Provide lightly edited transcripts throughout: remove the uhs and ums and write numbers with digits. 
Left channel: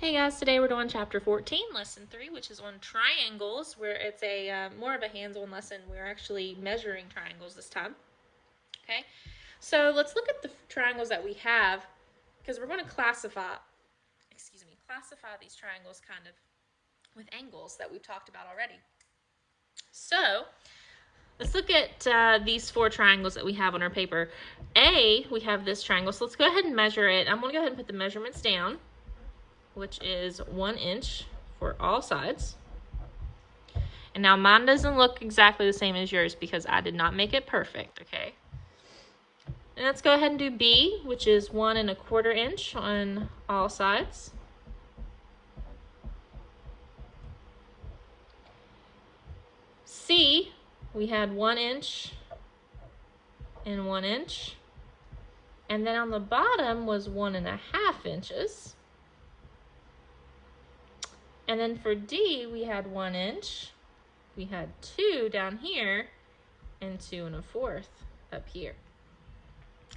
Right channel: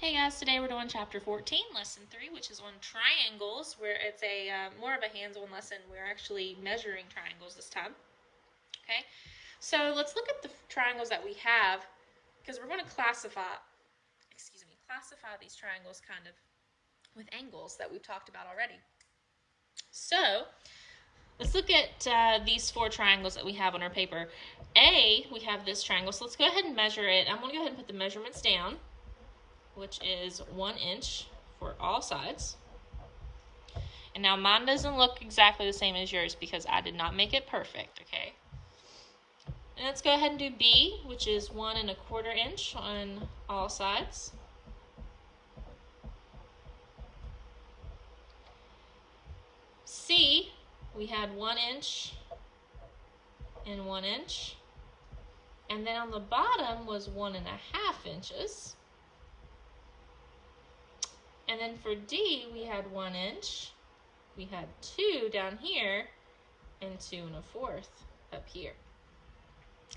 Hey guys, today we're doing chapter 14, lesson 3, which is on triangles, where it's a more of a hands-on lesson. We're actually measuring triangles this time. Okay, so let's look at the triangles that we have, because we're going to classify these triangles kind of with angles that we've talked about already. So let's look at these 4 triangles that we have on our paper. We have this triangle, so let's go ahead and measure it. I'm going to go ahead and put the measurements down, which is 1 inch for all sides. And now mine doesn't look exactly the same as yours because I did not make it perfect, okay? And let's go ahead and do B, which is 1 1/4 inch on all sides. C, we had 1 inch and 1 inch. And then on the bottom was 1 1/2 inches. And then for D, we had 1 inch. We had 2 down here and 2 1/4 up here.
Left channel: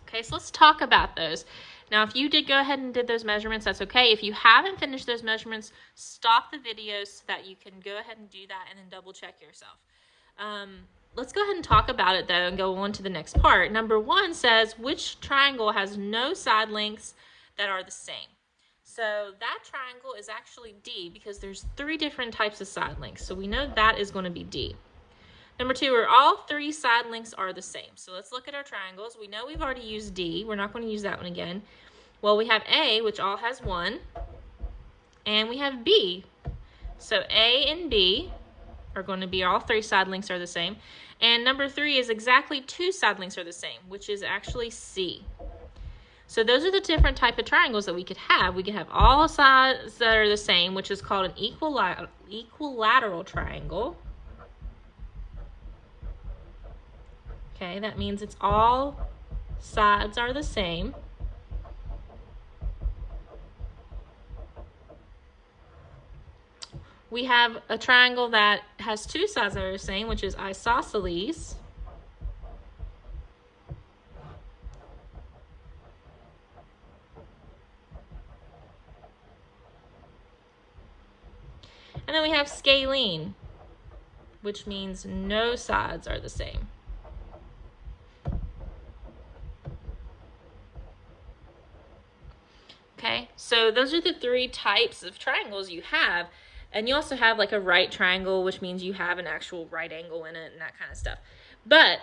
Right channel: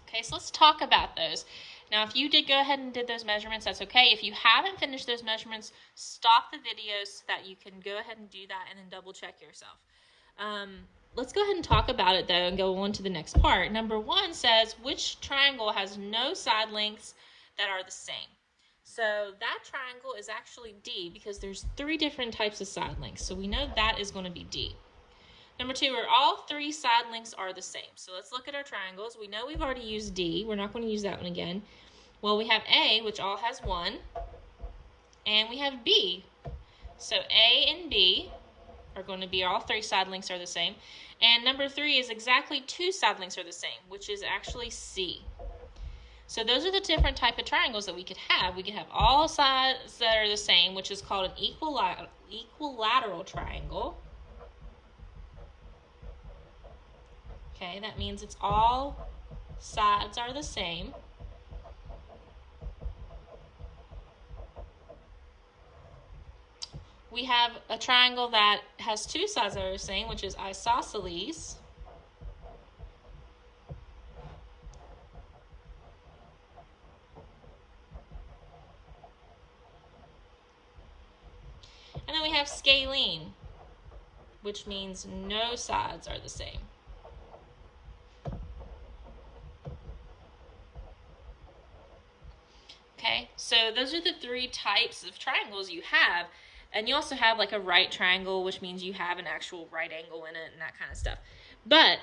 Okay, so let's talk about those. Now, if you did go ahead and did those measurements, that's okay. If you haven't finished those measurements, stop the video so that you can go ahead and do that and then double check yourself. Let's go ahead and talk about it though and go on to the next part. Number 1 says, which triangle has no side lengths that are the same? So that triangle is actually D because there's 3 different types of side lengths. So we know that is going to be D. Number 2, are all 3 side lengths are the same. So let's look at our triangles. We know we've already used D. We're not going to use that one again. Well, we have A, which all has 1, and we have B. So A and B are going to be all 3 side lengths are the same. And number 3 is exactly 2 side lengths are the same, which is actually C. So those are the different type of triangles that we could have. We could have all sides that are the same, which is called an equilateral triangle. Okay, that means it's all sides are the same. We have a triangle that has 2 sides that are the same, which is isosceles. And then we have scalene, which means no sides are the same. Okay, so those are the 3 types of triangles you have. And you also have like a right triangle, which means you have an actual right angle in it and that kind of stuff. But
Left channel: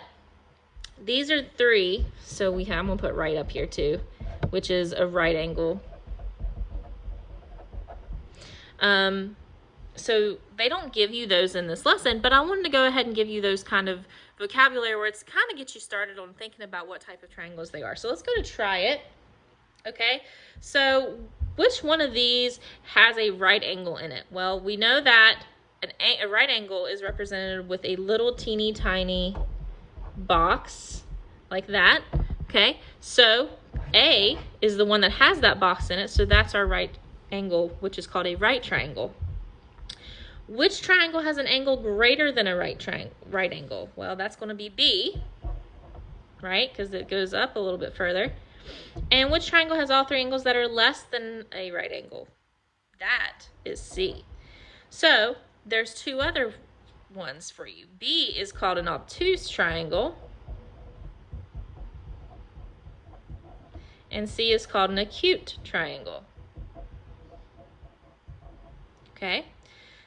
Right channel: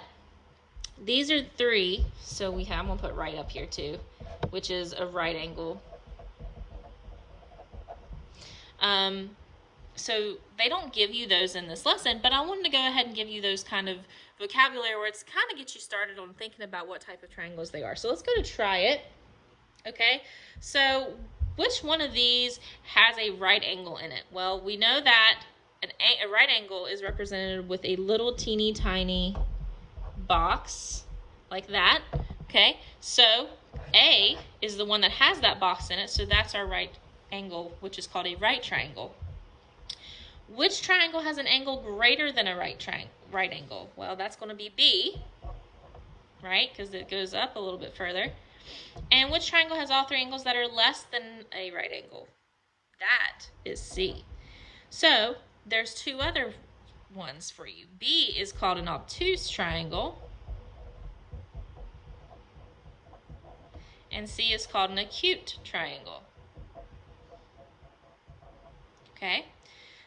these are 3, so we have, I'm gonna put right up here too, which is a right angle. So they don't give you those in this lesson, but I wanted to go ahead and give you those kind of vocabulary words to kind of get you started on thinking about what type of triangles they are. So let's go to try it. Okay, so which one of these has a right angle in it? Well, we know that a right angle is represented with a little teeny tiny box like that. Okay, so A is the one that has that box in it, so that's our right angle, which is called a right triangle. Which triangle has an angle greater than a right angle? Well, that's going to be B, right? Because it goes up a little bit further. And which triangle has all 3 angles that are less than a right angle? That is C. So there's 2 other ones for you. B is called an obtuse triangle. And C is called an acute triangle. Okay?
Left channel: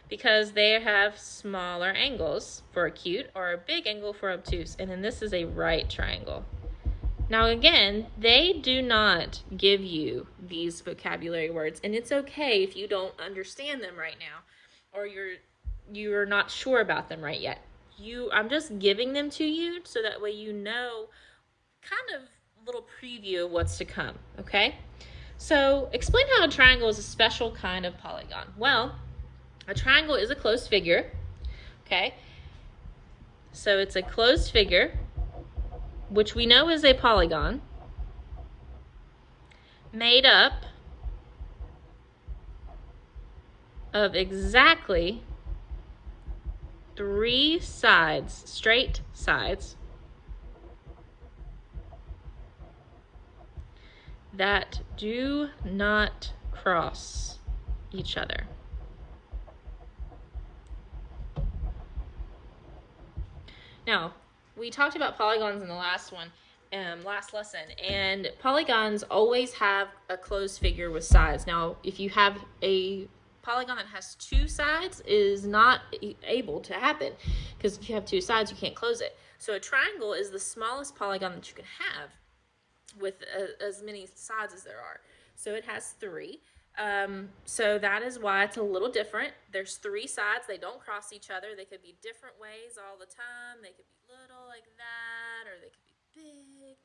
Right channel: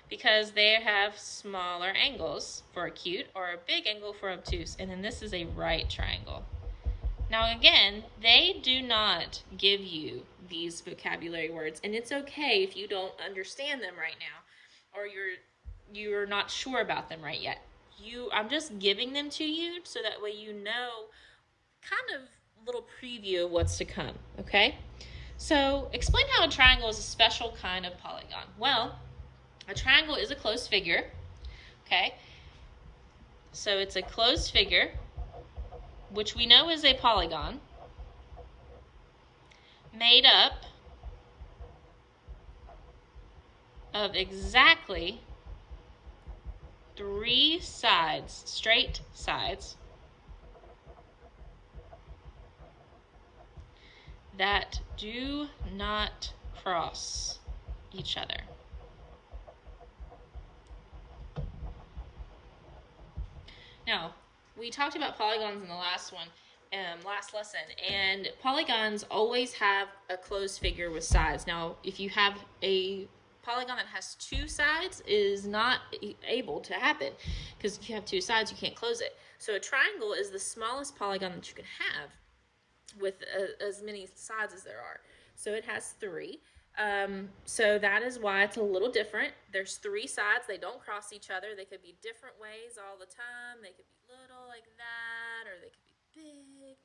Because they have smaller angles for acute or a big angle for obtuse. And then this is a right triangle. Now again, they do not give you these vocabulary words, and it's okay if you don't understand them right now or you're not sure about them right yet. I'm just giving them to you so that way you know kind of a little preview of what's to come, okay? So explain how a triangle is a special kind of polygon. Well, a triangle is a closed figure, okay? So it's a closed figure, which we know is a polygon, made up of exactly 3 sides, straight sides, that do not cross. each other. Now, we talked about polygons in the last one, last lesson, and polygons always have a closed figure with sides. Now, if you have a polygon that has two sides, is not able to happen, because if you have two sides, you can't close it. So a triangle is the smallest polygon that you can have with as many sides as there are. So it has three. So that is why it's a little different. There's three sides. They don't cross each other. They could be different ways all the time. They could be little like that, or they could be big.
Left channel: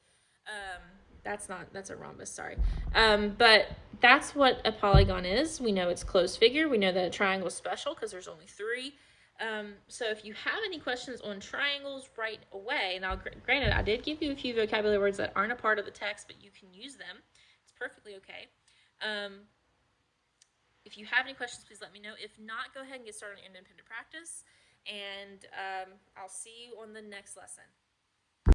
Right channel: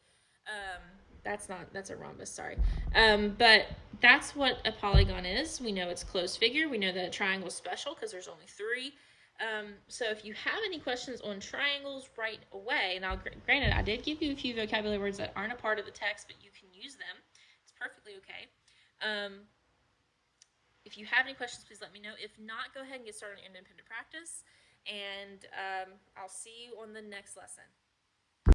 That's a rhombus, sorry. But that's what a polygon is. We know it's closed figure. We know that a triangle is special because there's only three. So if you have any questions on triangles right away, now granted, I did give you a few vocabulary words that aren't a part of the text, but you can use them. It's perfectly okay. If you have any questions, please let me know. If not, go ahead and get started on independent practice, and I'll see you on the next lesson.